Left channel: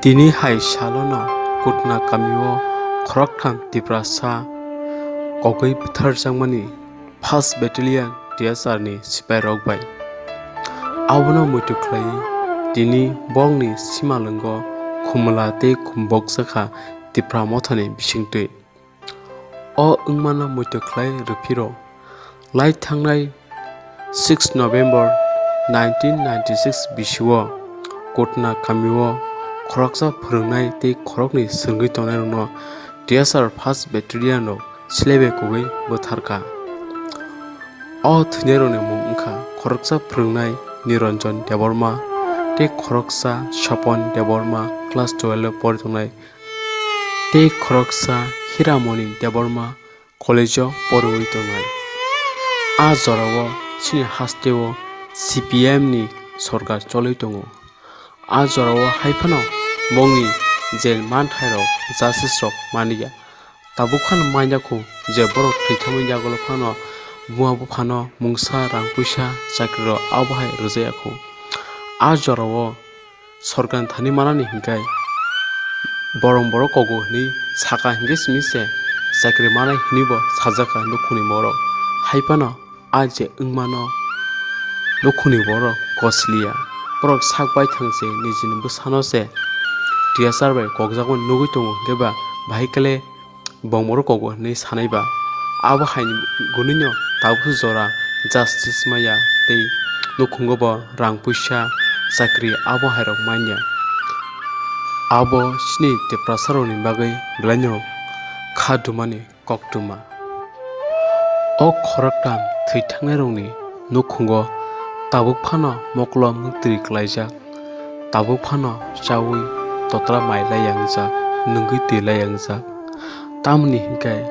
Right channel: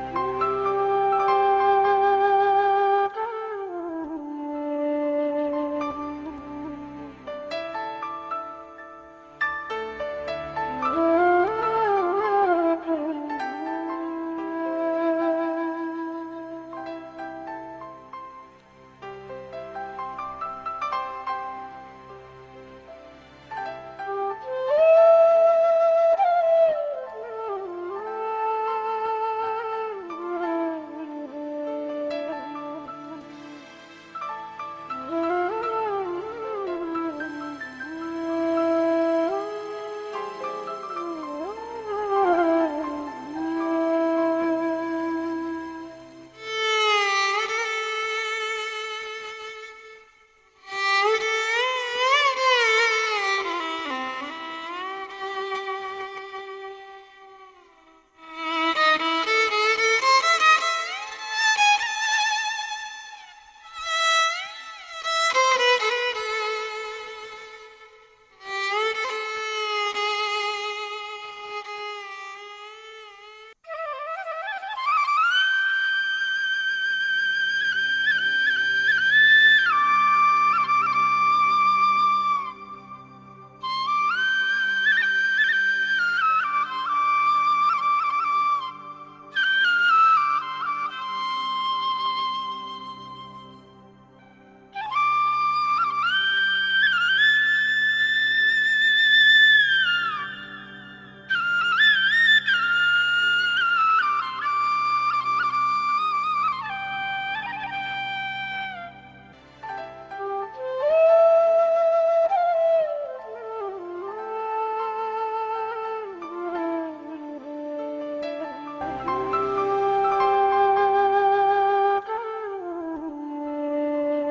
Tini hai shalona kutna kamiwo khoraktham tiprasa kogoi bthar jangmani 1st Battalion DSR ni sipai rokbai abono muitu khlai tini bongni simalungo khumla tei khumbok sakha tipra mothani bisingtwi o wngmano muitu khlai rupiro lai thangnai 6 November 1996 bisio kutna kamiwo khoroksa phwrwngnai tei khorokni swngwi tongnai DSR 1st Battalion rok silaibai kogoi bwtharka o thwinairokni mung wngkha khoroksa phwrwngnai Niranjan Deborma tei khoroksa Sapon Deborma class 12 pori tongnai tei khoroksa Hiramoni Deborma college o poriwi tongnai a jorao chini hasteo CPM ni sorkar choliwi tongo a jorao haifano bongni jail manthairok justice rok maniya tabukhan mainyaku je borok thwithamni jagolo phano bua buphano mungsa rangpuisa chakri rok abahai rwjayaku a jorao sorkar thani manani hingkai borok kogo ni saka hingke simise chakri manai hinibo sajaka nukhuni borok haifano a je wngmano nukhuni borok kosliya borok sakbai thangse nijini bwsano se DSR bai kokjago nugui tongo hingkeba bahikele bongborok kogo hinui sanaiba abo haini gunino tabukhu jora justice maya tei nukhungo bo rang puisa chakri abo hairok manya abo sini teprasarokni bagwi blaino khadumani koktuma o khoroktam thwithangnai nukhungo tabuk phano moklong nuktri klaijak tabuk phano chawi totla mailai yangjak nungui twilai yangjak tamni hingkai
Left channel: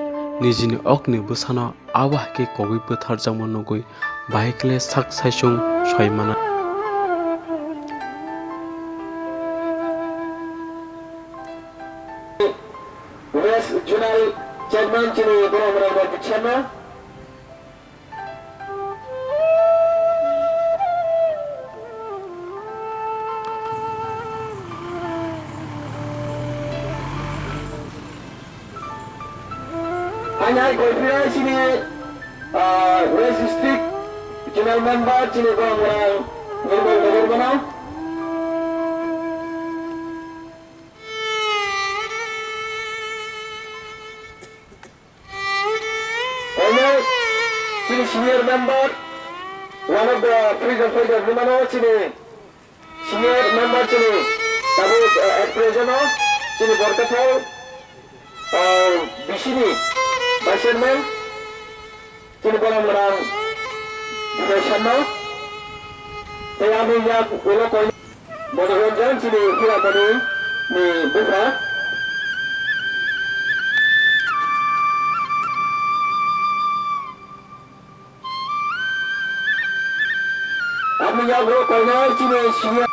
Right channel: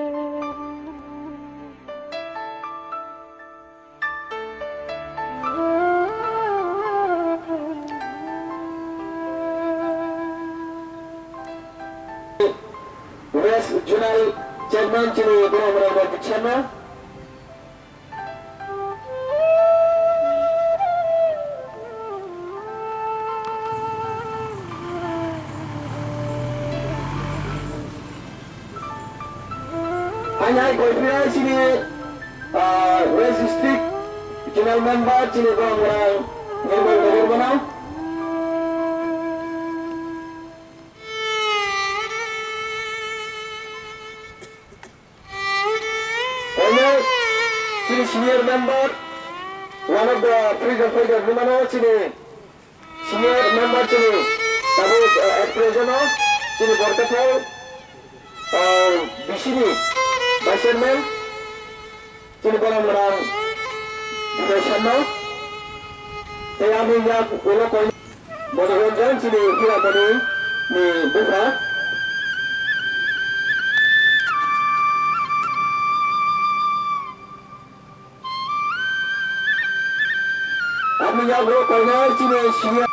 nijini okni bwsano abo haike kogoi bwtharjakma nugui bahikele sak saisung soimana West Zonal Chairman chini borok rok bichana Anyai Goipira chini West District Zonal Member chini borok rok banau senior member, one of the freedom fighters, Lumano chini, senior member chini, tabuk at present chini Borkatau, Bishini, Vice Chairman, chini Borang Marang, Deshano, Tayami Yak Ulo Koi, Monoranjan chini Hira Mani, ni Buka. Kami yang berkoordinasi chini senior.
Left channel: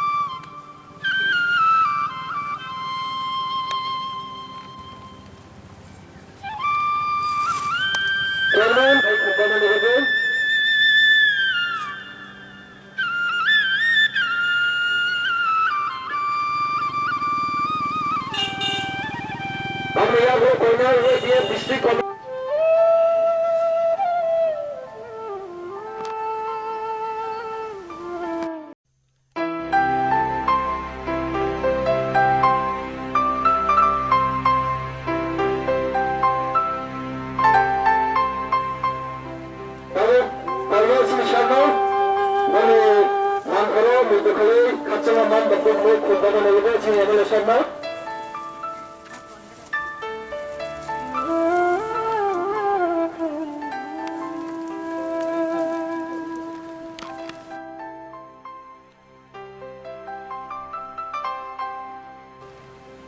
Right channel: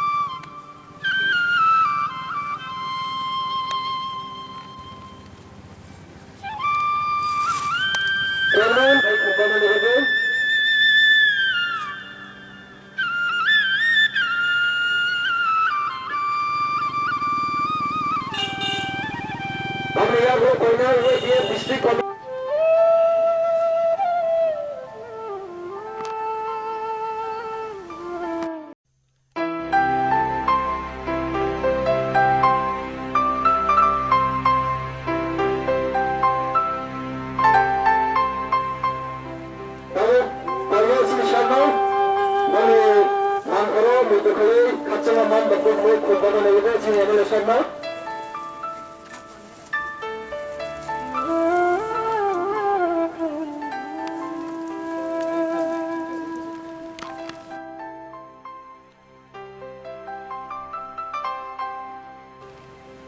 Chairman, baik kumpulan ini. Kami yang berkoordinasi dia distrik kami.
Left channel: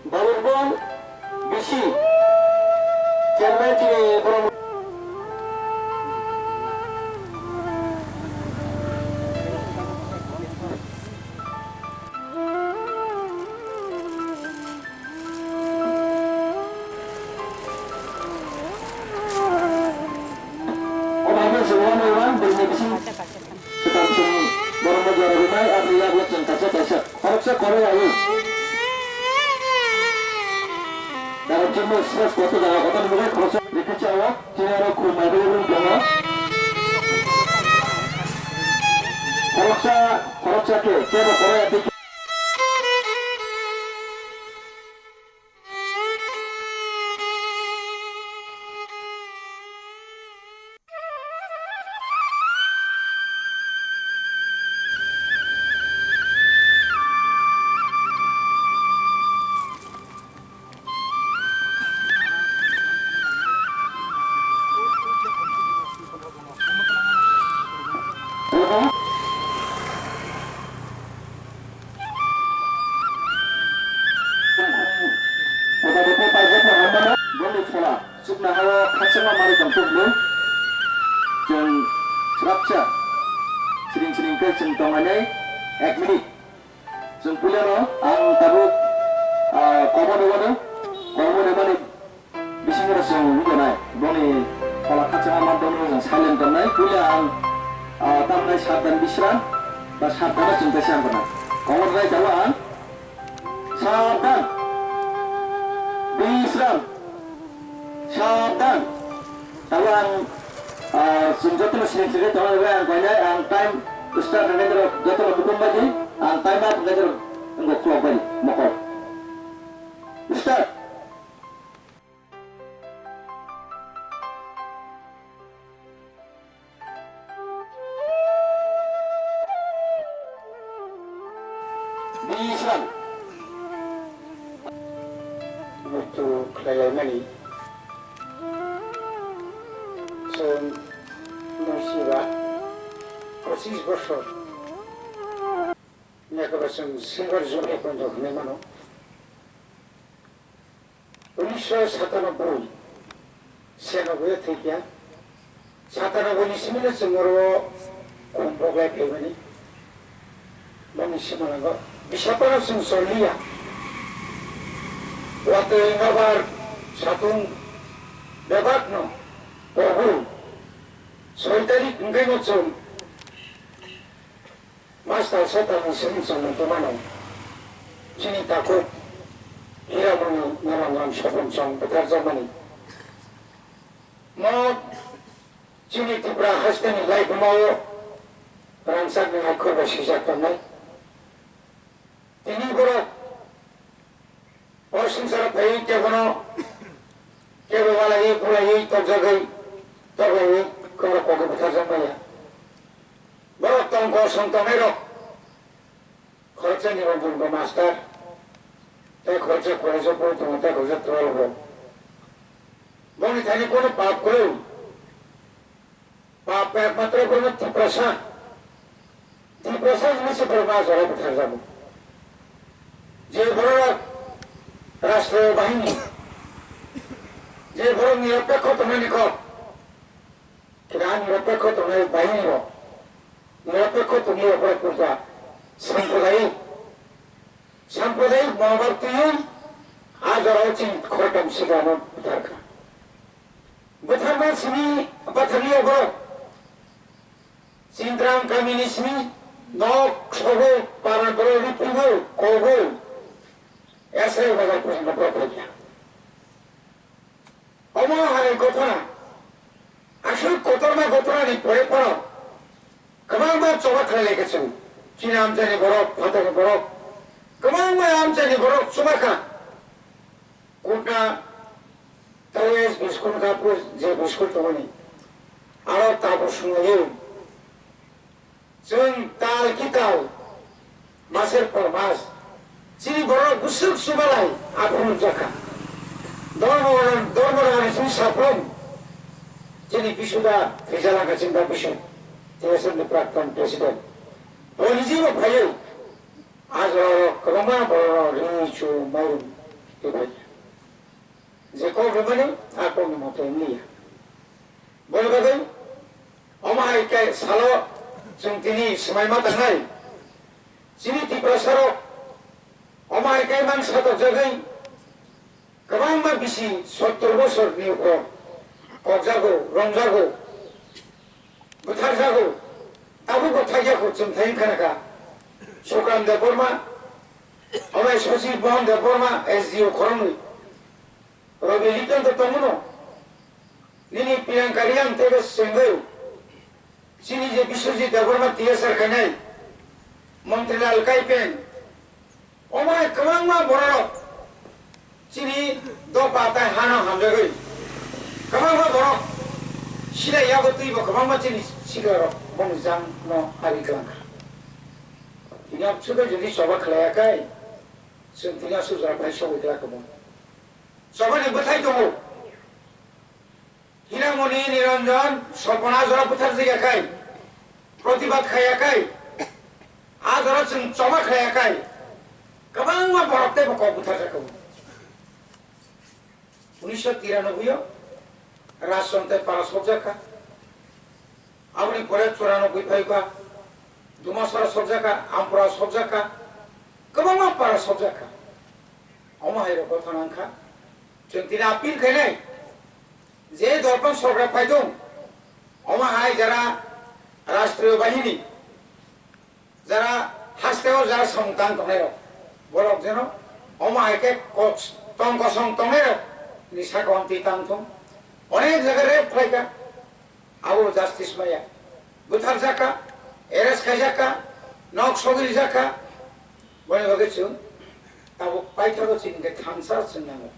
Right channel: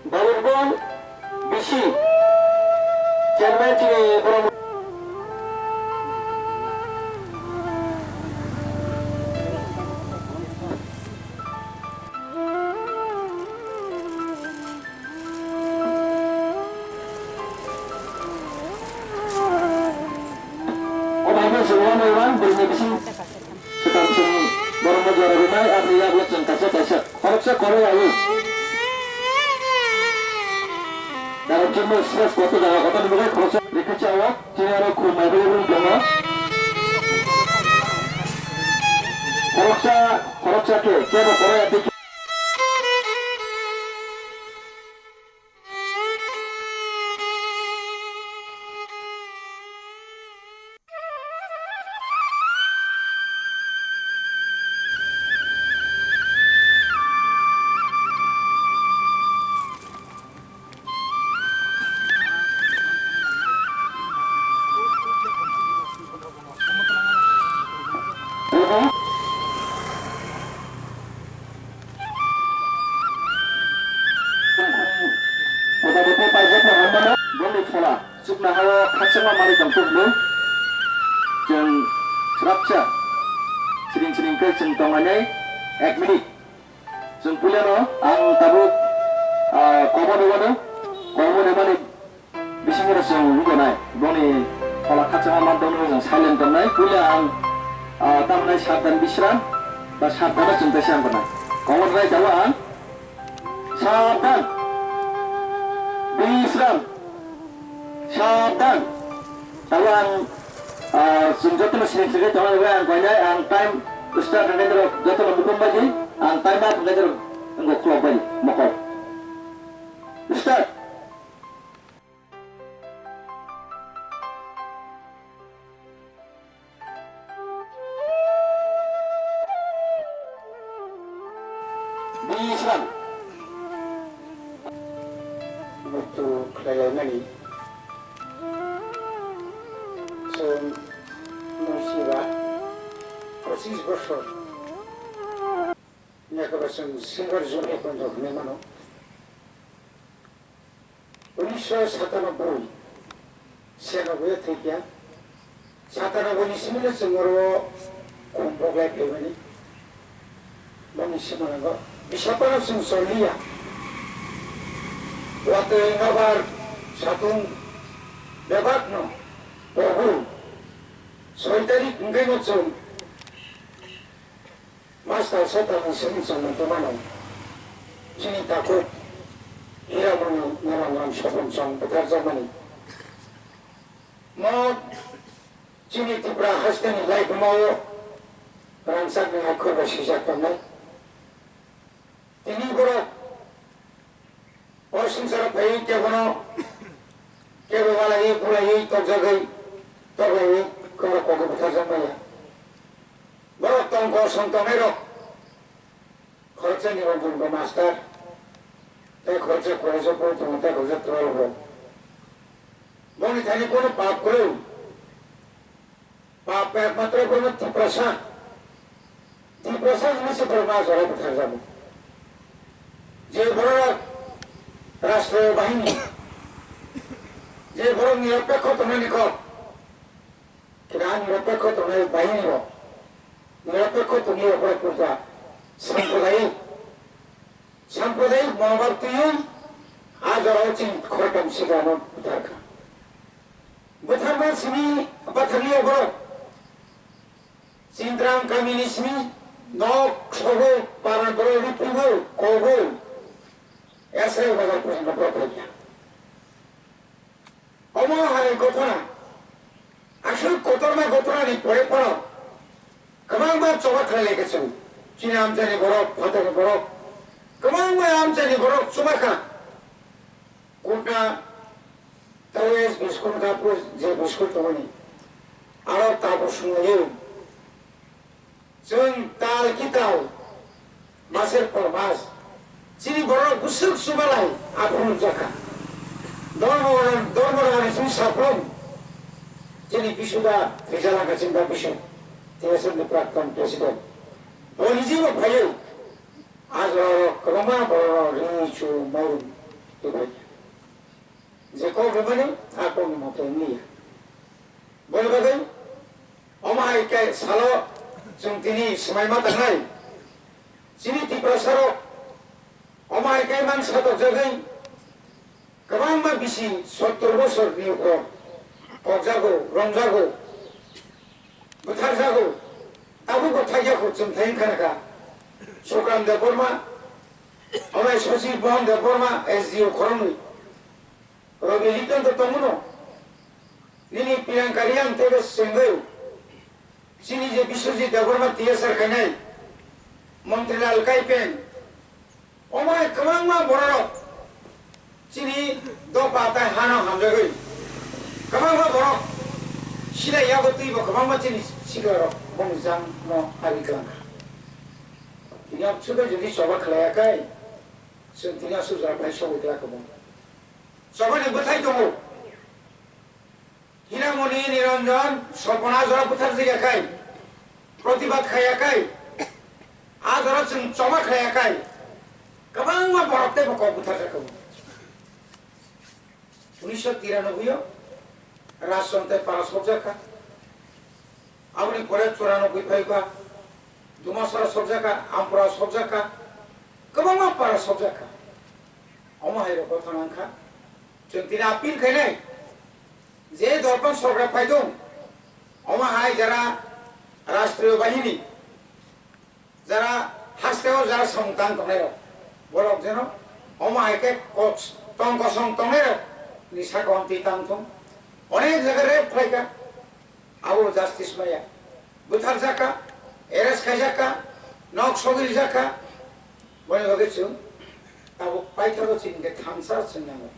Balubon Bisi Chairman chini borok Harapsa Korea jumno stress koto jaga koto nubukai khoroksa rekhechi awo tini aro khub available dongo khoroksa ke kebo koraya dekhi Sukna hawa kacang mari kampung lu, jeng serapca, sering ke jeng tongannya, minit, jeng punya lo, ang tabuk, komo mana, bising rasa yang juga naik, boni kalau kacang mari yang silent naik, punya ang tamnai sadan bisran, bas sadan jeng tesian pernah, komo naik jalan, sadan, bisran. Sadan, tawang sumjatnya sini tawang yang banyak, ang time start dengan jatuh bukan baju, ang time up dengan enggak keluar baju, makor. Start. Bisran. Betul kelayanan ini. Musiba, persis bosor. Ni akabasan single zone kondo nemano. 1997 সেনব্বই থেকে 97 সিমিলে जोङो কম্পোগায় পেবেনি মনিসিমানাগো বিশাপারা जों সলিয়া ওয়াতে নাবার সাতুং বেবাকনো বহু সৈতারি কুঙ্গাইনো जों 마스터 세타는 생선은 그만은 지니다고 이라고는 나랑 쇼분정 부탁자만이 뭐 지니티브라 하스테니 라이프 마요 프랑스는 알코올을 시작했네 이니고로 어신사라 배이 때고는 깨고발라 이 불라 이 떡적의 떡의 그거 고기 부탁자만이야 어떤 것은 떠내려 거쳐니로 불고 마스터 때 거쳐 거쳐 보통 때 거쳐 들어오고 뭐니 다니 거는 밥그릇 밥에 마त्र 거는 디프라사 이것이 벌마서로 부탁하고 যে বড় রাষ্ট্রীয় বাহিনী যে বড় নিরপেক্ষ তোমার নিকট কিনা নিরপেক্ষ তোমার বাহিনীর নিরপেক্ষ তুমি অপরাধ করতা সাম্প্রদায়িক মনোভাবটি আজ অচিন খরকম শেখানো দরকার বুথারমা সিমি বাথালি অবর সিন্দ্রাম কমিউনিসমি নক সবে পারান বড় রিপিব কবো এসে বাজার পর্যন্ত প্রকল্প অমহারের ঘটনা আসল ঘটনাটি পড়ে পড়ো गोबां बाथ्रा लेखेছেন চীনা আমচানি বরফ ভাতানি বরফ गोबां আমচানি বরফ सुमाखा কোনটা তাওয়েস বিস্কুট কাপড় যে বিস্কুট তমনি আরো তারপর শুনে जों তাল কিতাও মাসের পর মাস চিনি বরফ গুসুক সুবালাই আপন জাকা ধর্মরানি সুই সাপ্রম যিনি বিশুদা ফেজালা গাছিন্দা বিশু TSM প্রাক্তন প্রেসিডেন্ট বলিজিও ভাইও আজ ক্রমা বড় রিচু মাইন এবারে যে কোবে মানে আপন মতো নিয়া বলবাদে অমাইকাই সালো जों তিনি সময়মা তাই যিনি তীব্রসার অমাইকাই মান সাত জায়গায় गोबां বেশি 70 বছরनि উপর কবজাগো রংজাগো बुथारजागौ दाबो गथायाखौ जों थायो खानाखा सुकाम देबरमा अमाय सचिव बहन Debbarma SDO खरंनि Robi litan to tomuno. Nini piang kaliang tega senggeu. Sini je Biswajit Devarma TSR kanai. Menteri Lal Kaipen. Omai kemang ma borok. Sini do patai hana hamjagui. Kemang ma borok. Sila ya betul ibu kemang ma sini sigarok. Bongzang no hari kelangka. Ini apa sudah jadi coba kelayakai. Sentinya sudah apa coba kelakamu. Coba ni betai tu. Hiramoni Niranjan Sopana Zora Putar Zigakai. Protibat Kayakai. Azora Sing Choma Kayakai. Kemang ma borok te boko putar jakamu. 1993 রাজতন্ত্রে পারা সব জায়গা আপনি পরে 94 viva দুমাসরা সব জায়গা আমপুরা সব জায়গা গোবাং পারা সব জায়গা অমাহাইর কথা নাঙ্খা চন্তিনা আপিল খাইনাই যে দর্পণ সরকার ফাইদং অমাহাই যারা রাষ্ট্রীয় বাহিনী যারা হাসতেও যারা সংতান তনের বলক যেন অমাহাইকে টঙ্ক সং তনের নিশা কমতি তাংথম অনেক জায়গায় রেপ খাইকা আবু জাস্টিস মাইয়া বুথার জাকা এরেস খাই জাকা নক সগির জাকা বলে বগেছু তাবো পাইথাবো চিনকে থানসা চিনাঙ্গো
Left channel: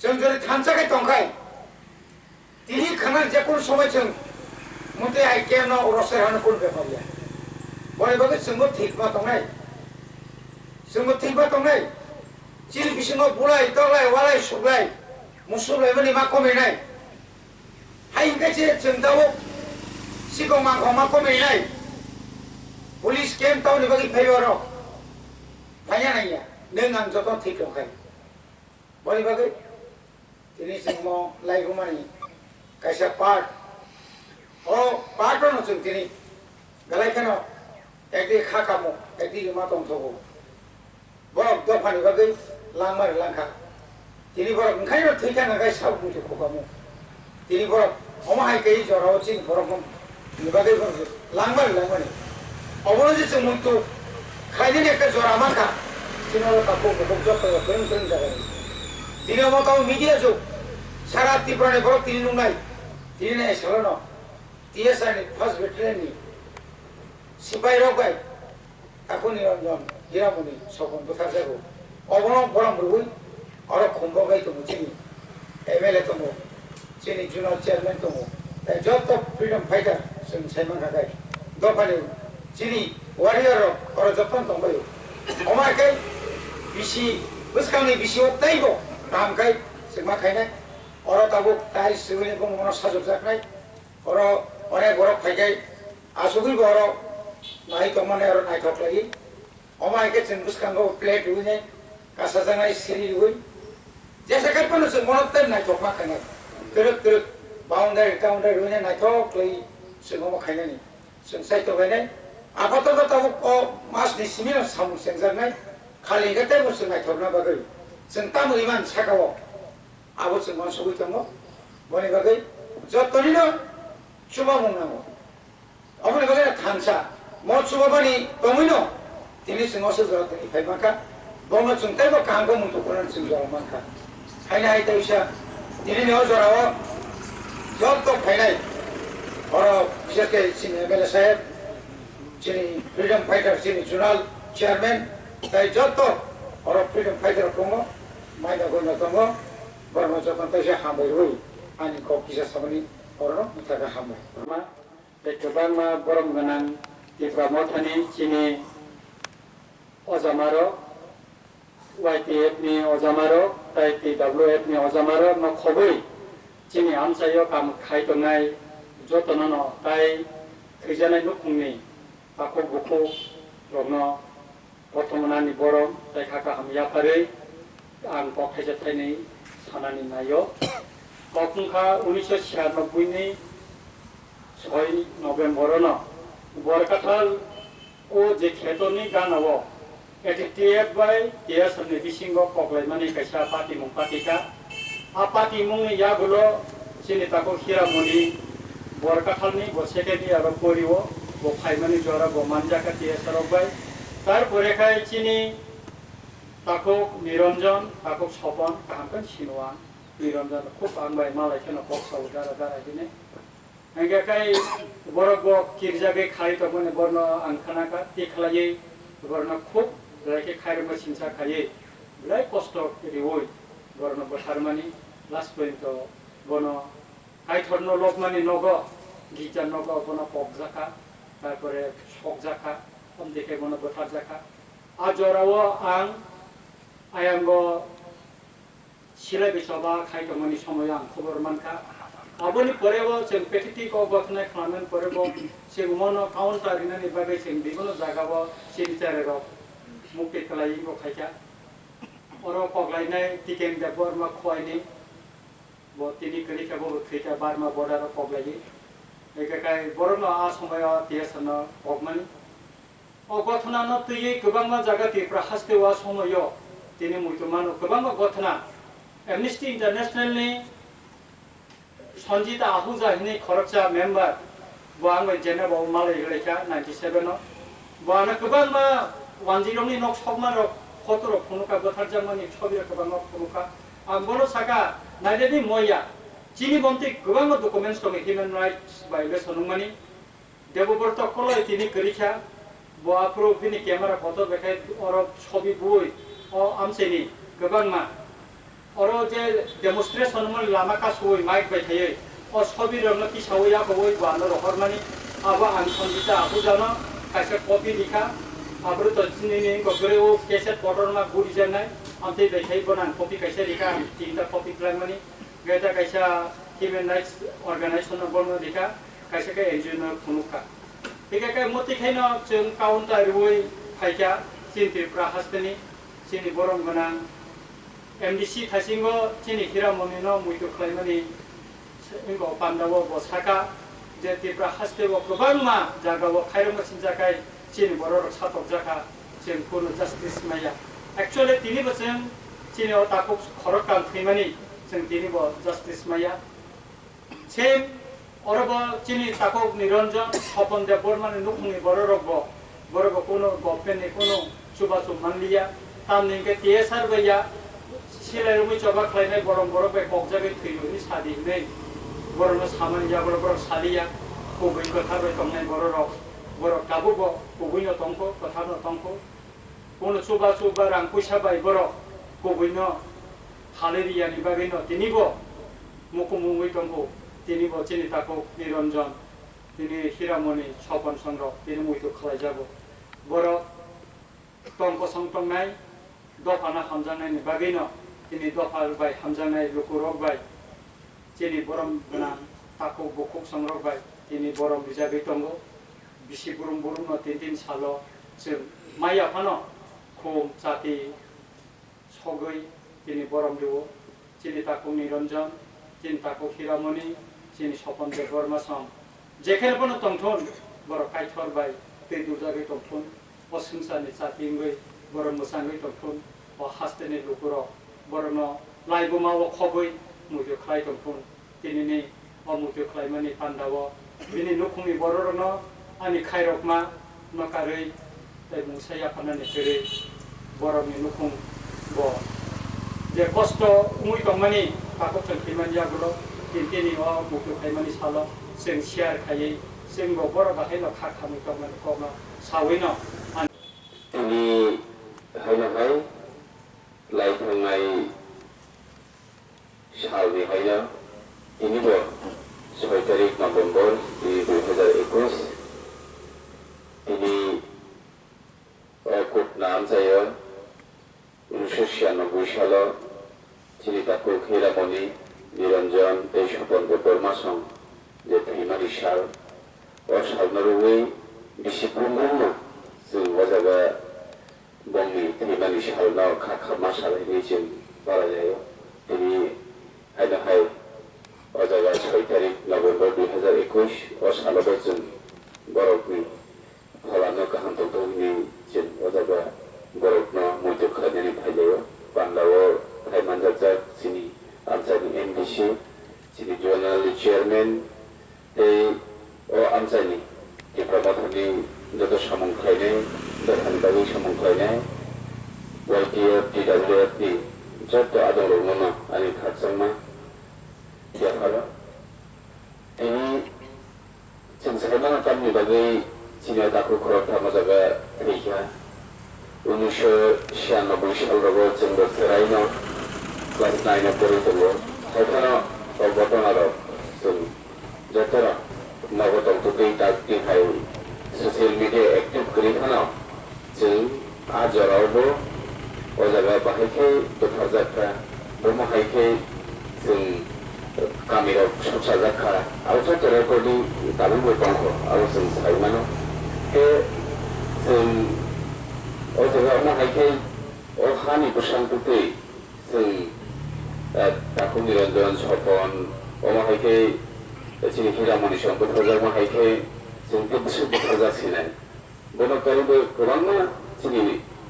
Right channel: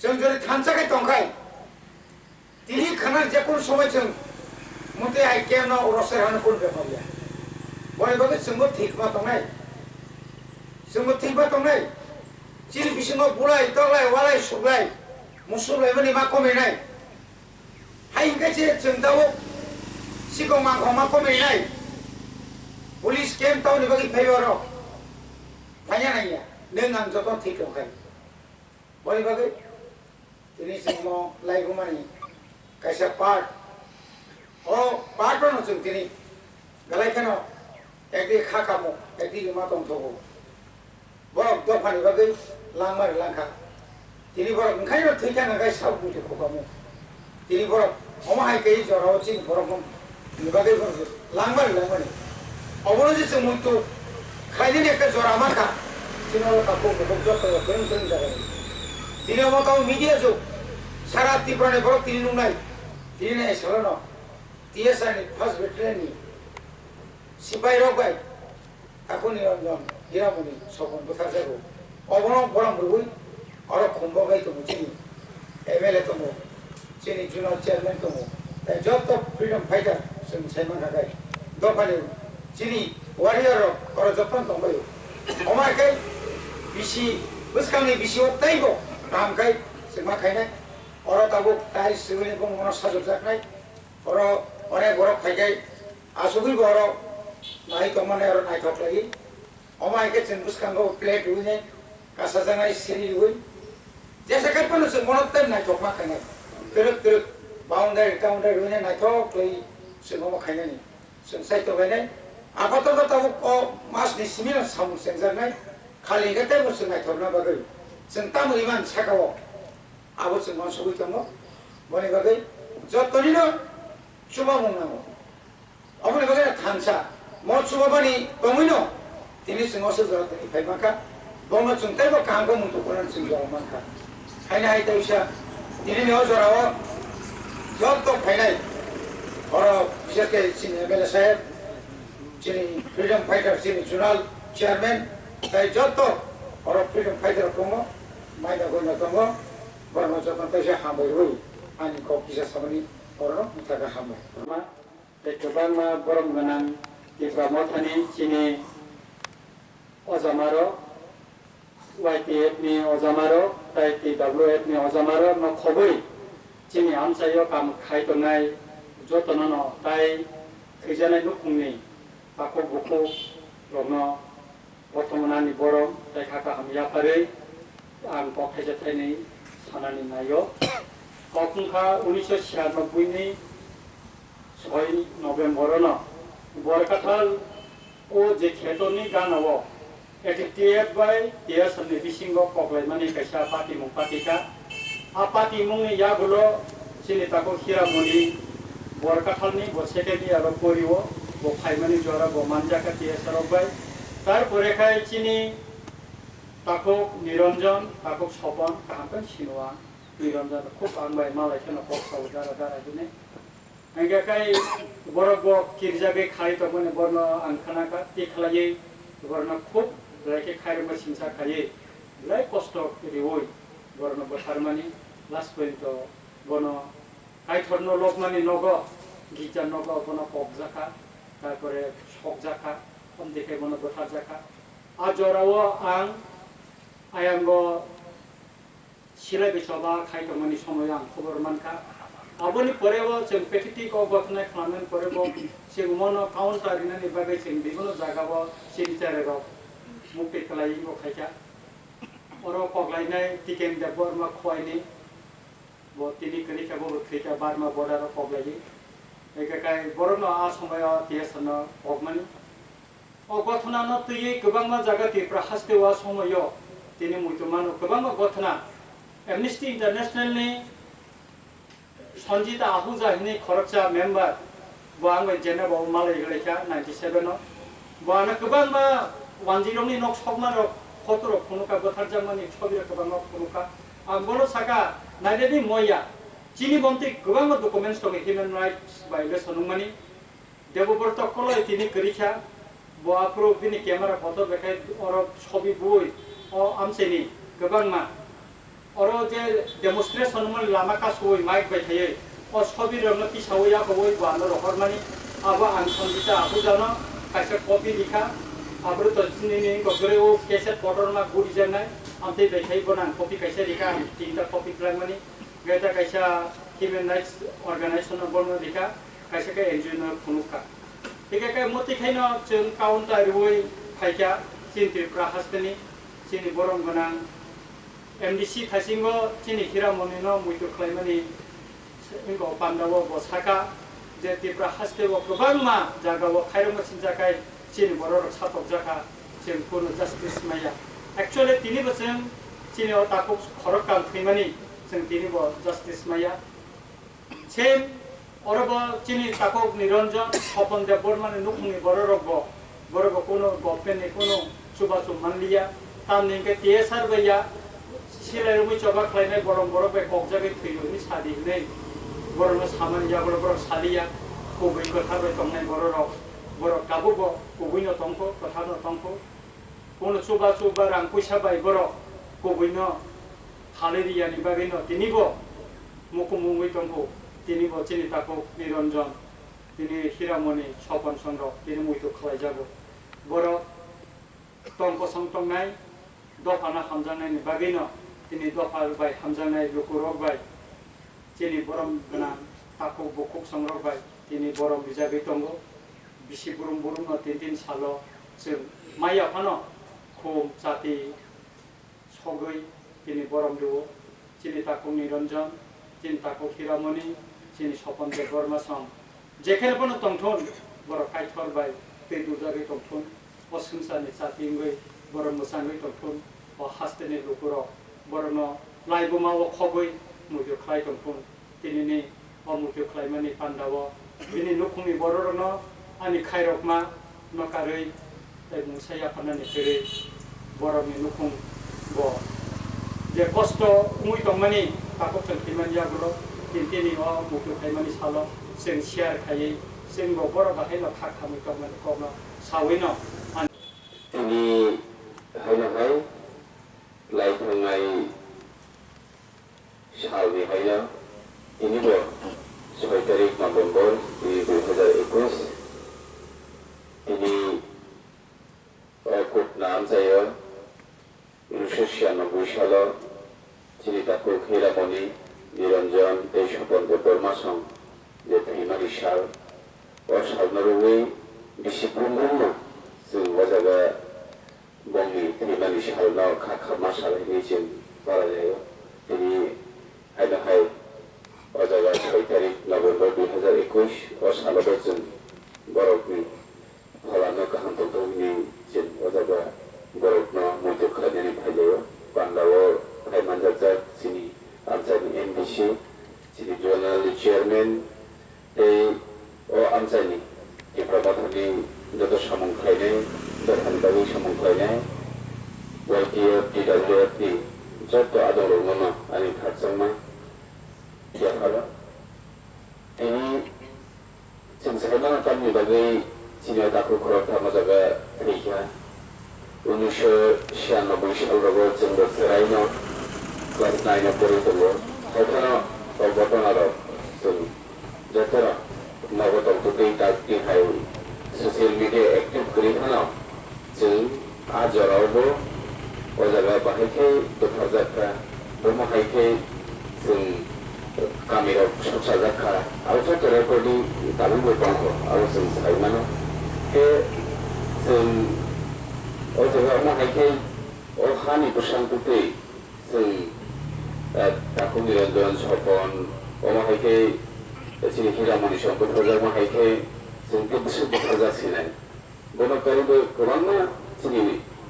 जों যদি থানসাকে টঙ্কাই তিনি খানার যে কোন সময় जों মুতে আই কেন রসের হানে কোন ব্যাপারিয়া বলে বগে जोंबो ঠিকমা টঙ্গাই जोंबो ঠিকমা টঙ্গাই চিল বিসঙ্গ বুলাই তলাই ওয়ালাই সুলাই মুসুলাই বনি মা কমিনাই হাই কাছে जों দাও সিগং মা মা কমিনাই পুলিশ কেম তাও নিবাগি ফাইবারো ফাইয়া নাইয়া नों आं जत ठीक दंखाय बले बागै दिनै जों लाइगुमानि कायसा पार्ट अ पार्ट न जों दिनै गलायखानो एकदि खाकामो एकदि मा दंथगो बरक दफानि बागै लांमार लांखा दिनै बरक ओंखायनो थैखानो गाय साब मुथि खगामो दिनै बरक अमाहाय गै जराव चिन बरक निबागै बरक लांमार लांमानि अबनो जे जों मुथु खायदिन एकटा जरा माखा Sino kampung bekerja ke keren jalan. Tidak mau tahu media jo. Syarat tiprane borok tini nungai. Tini nai salono. TSR ni first veteran ni. Sipai rogai. Aku ni Niranjan Hiramoni sokon betar jago. Obono borang berui. Orang kumbo gai tu mungkin. MLA tu mu. Sini junior chairman tu mu. Tapi job tu freedom fighter. Sini saya mengkagai. Dua sini warrior orang Jepang tu bayu. Omai kai bisi buskangni bisi otaibo ram kai sema khainai oro tabu tai sugini ko mono sajok jaknai oro onek borok phaikai asugui boro nai to mane oro nai thok lagi omai ke chen buskango plate uine kasa jangai siri ui jesa kai panu se mono tem nai thok ma khainai teruk boundary uine nai thok lagi semo khainai ni seng sai to gainai apato tabu ko mas ni simino samu sengjanai खाली गते बुसुनाय थरना बागै जों तामु इमान साकाव आबो जों मानसुगै दङ बने बागै जतनिनो सुबा मुंनांगौ अबने बागै थानसा म सुबाबानि दङैनो दिनै जों असो जरतनि फाइमाखा बमो जों ताइबो कांगो मुंतु कोन जों जरमाखा हायना हाय ताइसा दिनै न जराव जत फाइनाय अर बिसेसके सिनि एमएलए साहेब सिनि फ्रीडम फाइटर सिनि जुनाल चेयरमैन তাই যত অর ফ্রিডম ফাইটার কমো মাইনা গইনা কমো বর্ণ যতন তাইসে হামবাই হই আনি কপিসা সামনি অরন মুথাকা হামবাই मा गोबां मा गरम गोनां टिप्रा मथानि चिनि अजामारो YTF नि अजामारो TWF नि अजामारो न खबै चिनि आमसायो काम खायतनाय जतन ताइ थैजानाय नुखुंनि आखौ बुखौ रनो बर्थमाननि बरम ताइ खाका हामयाफारै आं पखायजा थाइनै सानानि नायो कखुंखा 1996 नि 6 नभेम्बर न बरकाथाल ओ जे खेतनि गानाव एटिटिएफ बाय TSR नि बिसिंग पगलायमानि कायसा पार्टी मुं पार्टीका आ पार्टी मुंनि यागुलो सिनिताको हिरामनि बरकाथालनि बसेकेनि आरो परिवो बो फाइमानि जरा बो मानजाका TSR बाय তারপরে খাই চিনি তাকো নিরঞ্জন তাকো Swapan কাহামকান সিনোয়া niranjan khub angbai malai kheno kok sau dara dara gine angga kai borok bo kirjage khai to mone borno angkhana ka tikhlai borno khub lake khai ma sinsa khai lai kosto riwoi borno botharmani last point to bono kai thorno lokmani nogo gita nogo bono pokjaka তারপরে শক জাকা কম দেখে মনে বথার জাকা আজরাও আং আয়াঙ্গ সিলাই বিসবা খাইতমনি সময় আং খবর মানকা আবনি পরেও जों পেটিটিক অবথনাय খালামেন পরেও जों মনো কাউন্টারিনানি বাগै जों বিভিন্ন জায়গাव সিরিচারের মুক্তি খালাইগো খাইকা অর পগলাইনাय টিকেন দেবর মা খয়নি ব তিনি করিকাবো খৈকা বারমা বর্ডার পগলাই একাকাই বরনো আ সময় টিএসন অগমানি অগথনা ন তুই গোবাংমা জায়গা তিপ্রা হাসতেওয়া সময় তিনি মুইতমান গোবাংমা গথনা অ্যামনেস্টি ইন্টারন্যাশনালনি সঞ্জিতা আহুজাহিনী খরকচা মেম্বার বাংলা জেনেভা মালয় গলেকা 97 ন বানা গোবাংমা 10 নি নক সকমান ফটো ফনুকা গথার জামানি ছবি গোবাংমা ফনুকা বড় সাকা নাইদেনি ময়া চিনি বন্তি গোবাংমা ডকুমেন্টস দং হিউম্যান রাইটস ভায়োলেশন নংমানি দেবব্রত কলয় তিনি করিখা বাপ্রো তিনি ক্যামেরা ফটো দেখাই অর ছবি বই ও আমসেনি গোবাংমা অর যে ডেমনস্ট্রেশন মন লামা কাসই মাইক বাই থাই ও ছবি রনতি সাওয়া বই বানো রহরমানি আবা আং সঞ্জিতা আহু জানো কাইসা কপি লিখা আব্রো তো চিনি গগরে ও কেসেট পটরমা গুড়ি জানাই আমতে দেখাই বনান কপি কাইসা লিখা তিনটা কপি প্লাংমানি গেটা কাইসা হিউম্যান রাইটস অর্গানাইজেশন বর্ণ লিখা কাইসা কা এনজিও ফনুকা একাকাই মতি খাইনো जों কাউন্টার রই ফাইকা চিনতি প্রাহাস্তনি চিনি বরম গনাং এমডিসি থাসিঙ্গো চিনি হিরামনিনো মুইতো খাইমানি ইঙ্গো পান্দাবো বসাকা যে তিপ্রা হাস্তেবো গোবাংমা জাগাবো খাইরমা সিনজাকাই চিনি বরর সাতক জাকা जों কোনো জাস্টিস মাইয়া एक्चुअली তিনি বছর চিনি ও তাকো খরকাম থৈমানি जों তিনি ব জাস্টিস মাইয়া সেম অরব চিনি তাকো নিরঞ্জন স্বপন দেব বর্মানে নুখুনি বররব বরব কোনো গভর্নমেন্ট কোনো সুবাসু মানলিয়া তামনিকে টিএসআর বাইয়া সিলাইরমি চবা খাইনাই বরম বরবে ককজাগে থৈনি সাদি নেই বরম সামানি যা বরব সালিয়া কবই কথা বাই তংনাই বররব বর কাবুব কবইনো তংকো কথানো তংকো কোনো সুবাসু বা রাং পয়সা বাই বর কবইনো হালেরিয়ানি বাগৈনো তিনিব মুকুমুঙ্গই তংকো তিনি চিনি তাকো নিরঞ্জন তিনি হিরামণি স্বপন চন্দ্র তিনি মুইতো খালাই যাব বড় তংক সংটংনাই দফানা হামজানাইনি বাগৈনো তিনি দফার বাই হামজানাই লুকুরক বাই চিনি বরম গনা তাকো বকুক সংরক বাই তিনি বরম বিজাগৈ তंगो बिसि बुरुम बुरुम तीन सालो जों माइ आफानो खुम जाति सगै তিনি বরম দেব চিনি তাকো নিরঞ্জন চিনি তাকো হিরামণি চিনি স্বপন দেব বর্মা সম যেখানে কোনো তংথন বড় কাইথর বাই তে দুজাগৈ তংথন অসংসানি জাতিঙ্গৈ বড় মোসাঙ্গৈ তংথন ও হাস্তেনি লুকুর বড়ন লাইবুমা ও খগৈ মুজো খাই তংথন তিনি নি ও মুজো খাইমানি পান্দাব বিনি নুখুমি বড়রন आनी खायरकमा नकारै ताइ मुसाया फाननानै फेरै बरमनि नुखुं ब जे कष्ट मुइ दंमानि ताको थंखिमानि आगुलो तिनतिनि अ मुखु खायमानि सालो जों शेयार खायै जों बर बाहाय न खाखामि दंमानि कमा सावैनो তিনি हायनाहाय लाइथांनाय सालनि हायना इनिबो 6 तारिख नभेम्बर 2021 তিনি খুব নাম চাই 1996 সাল তিনি তাকে হিরামণি নিরঞ্জন স্বপন বর্মা সং যে থৈমানি সাল ও সালনারুই বিসি বুরুম जों वजागा बंगनि थैमानि सालना खाखा सालायनि जों बारा जायो তিনি हायनाहाय वजागा 6 तारिख नभेम्बर 2021 ও सालाव जों बरफनि फलानो गाहाम दंनि जों वजागा बरफनो मध्य खालायनानै फायलायो बांलावो फायमानजाजा जोंनि आमसानि एमडिसि जोंनि जनाल चेयारमेन ओ आमसानि डिपार्टमेन्टनि যত সমন্বয় দরকারি সমন্বয় YTF DWF যত আদর মনো আনি খাচ্ছমা दाखु खरकथा मजागा थैखा 1996 सालाव जों बोसोराइनो क्लास 9 फरायदों खायफाना घटनार जों जतरा नगदंतुदै दागदिहाय ससियेल मिडिया एक्टिव गैयैखानाव जों आजरावबो अजागा बाहायखै बोखारजाखा बमाहायखै जों गामियाव संसार जाखा आरो जतराफोरनि दाबो दंख आरो जों साइमानो बे जों अजागा माहायखै अहानि बोसांतुदै जों दाखु निरंजन सपन अमाहायखै जोंनि हिरामणि सम बोखारजाक माहायखै जों गोसो बोखारजासिनाय बनकारिबो गोबांना जोंनि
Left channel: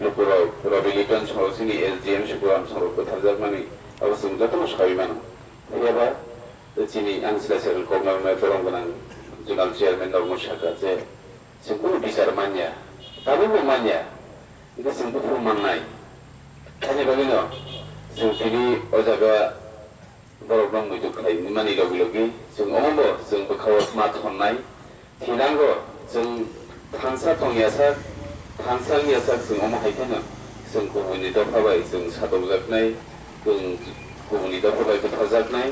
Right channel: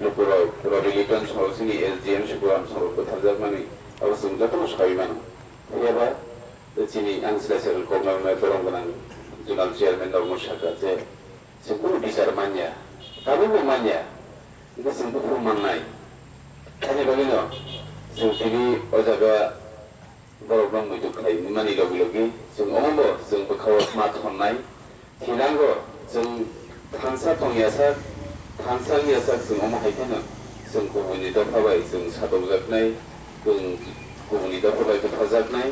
न'खराव रिलिजन समाव जोंनि एसडिएम सुबुराम समाव बोखारजाक माने आरो जों जतन साइमानो गैयाबा जोंनि आनसोलारि गभर्नमेन्ट दरं गोनां जुनाल चेयारमेन दाव मोसाखा जे जोंखौ बिसार मानिया दाबो मानिया बेखौ जोंबो फोरमाननाय खायनो बागैनो जों दिनै अजागा बर'फ्राव मैदु खालायनो मानि लगे जों अमाबो जों बोखाव मा थन्नाय थेनांगौ जों थांसा थंयासा थांसालियासा जों अमाहायखौनो जों गुबुननि दावफाबाय जों सादौजाबनाय जों गुबुननि दावफाबाय बोखारजाबनाय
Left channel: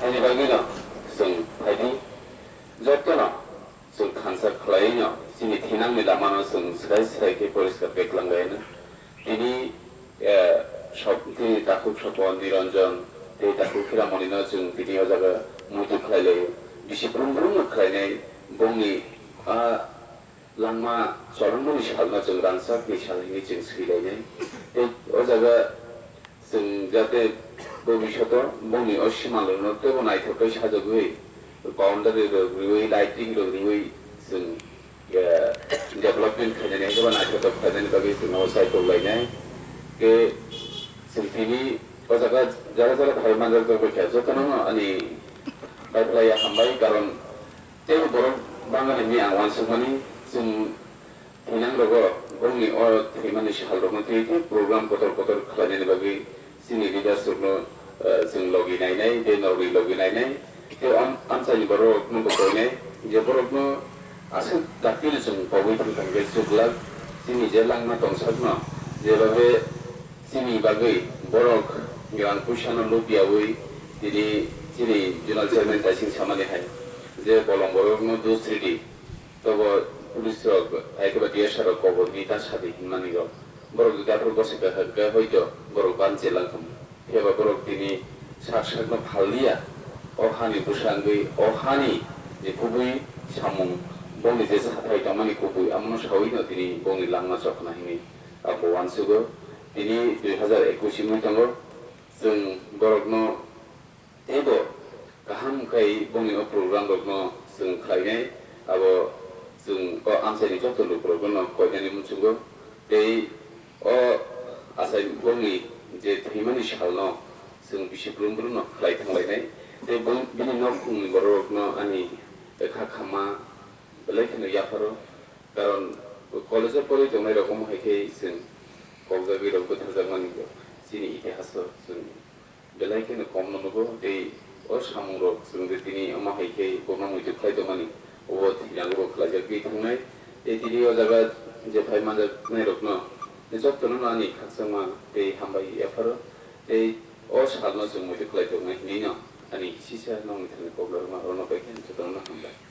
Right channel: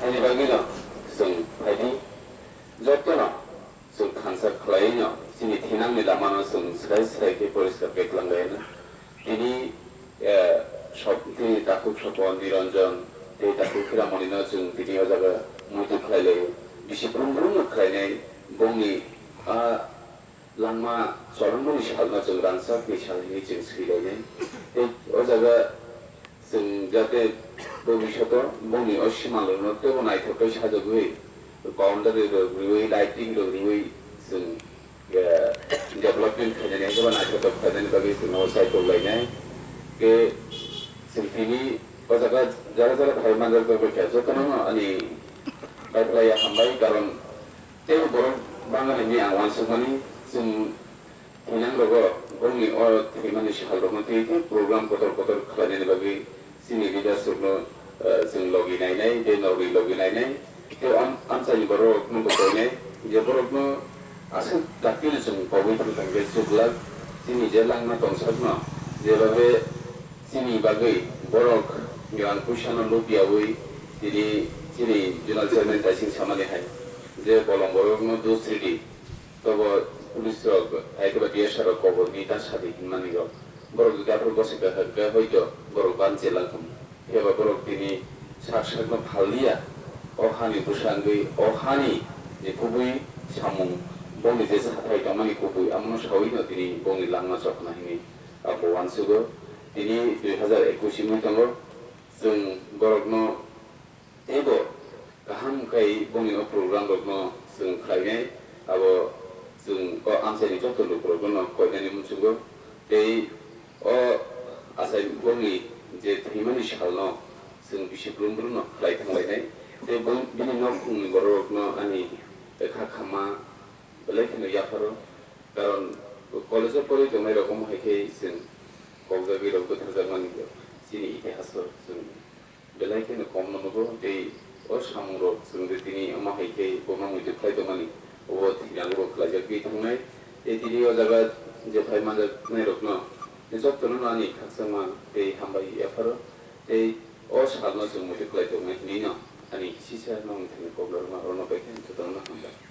खायनो बागैनो जों फायदि जतना जों खानसार खालायनो जोंनि थेनांनि लामानो जों सिराय सिरायखै परिस्कार बेगलांगायनो दिनै सब दिनै दाखु सपन निरंजन दै दाखु हिरामणिनो जों दिनै अजागा मैदु खालायलायो बिसिफ्रोमबो खालायनाय बंनि लामा जरनमनि सालना जों रानसाक निसालनि जों सोलिलायनाय अजागा जों जाहाथे भबिष्यतआव बंनि असिमालनो तेबो नायथावथाय साजोबहै बाउन्डारि रोगृयै लाइटिं रोगृयै जों डेभलपमेन्ट खालायनाय गोबां नायथावथाव खालायनायनि बागै जों सायख'लायनाय बे जों दिनै अजागा जारा जारा भाई मानजाफोरखौ जतन अनि बायफ्लाया हामबाय खारन तेबो बर' बाङालिनि आं वानसमानि जों थैनांगौ बंनि थैमानि सालदोंमोन थै प्रग्राम कतर खालायनायनि बागै जोंनि लिडारशिपनो जों लगिनायनाय बे नावरि लगिनायनाय बे आमसानि बर'नो गथायनाय जे बर'नो आसो दाखिल जों बावै थांबाय जुगला जोंनि जे लांना दंसारनो जेरावबे जोंनि बागै बर' गोरान फैसानो लुबियावै दिनै जोंनि जुनाल चेयारमेन दाइसिं सामानिहाय जे बलं बर'नो दुसरिदि तब पुलिस एकेबारे डिएसआर गभर्ननि दासादि हिमानिगाव बर' जुदाफोर गसेका हग्गा हयतो बर' बानजेलांखम एबा बर' दिनै साक्षात्नो फालिया अहानि बुसांगै अहानि जे गुबै सामुं बंनि जे हाथाय दामानि गुबै आमनो सावैनो दिनै बंनि लांना सखनाहिनि आबो वानसुबो दिनै 2021 मायथाइयाव जों बर'नो एबो गाहामखाय बंनि प्रग्राम दंनो जों खालायनाय आबो जों आमसायनि जतन प्रग्राम खालायनायनि मोनसेबो बे आसाय बंनि जे थैमानि सालनो जों बिसिफ्रोमबो खालायथांलायनाय बे बिनि न'खुंनि बर'नो आंनि खामा बेलायखौनो याफारो खारन कलेजाव फरायदोंनाय रखम हायखै जों कक्राझाराव गोथारजामानि जोंनि इतिहासाव जों बेलायखौनो खम नंगौ दै सामुर जों दिनै माहायखै गमा मैदु खालायदोंमानि अबाव थैनांगौ खालायजाखै थांनाय दिनै अजागा जे भाई मानजानाय रखनो जतन आंनि खाकसामा दै हामबाय याफारो दै सालनो जों मैदु खालायदोंमोन दिनो आंनि सिसा नावनि थाखाय कक्राझार मारनो बायखै जतन हामबाय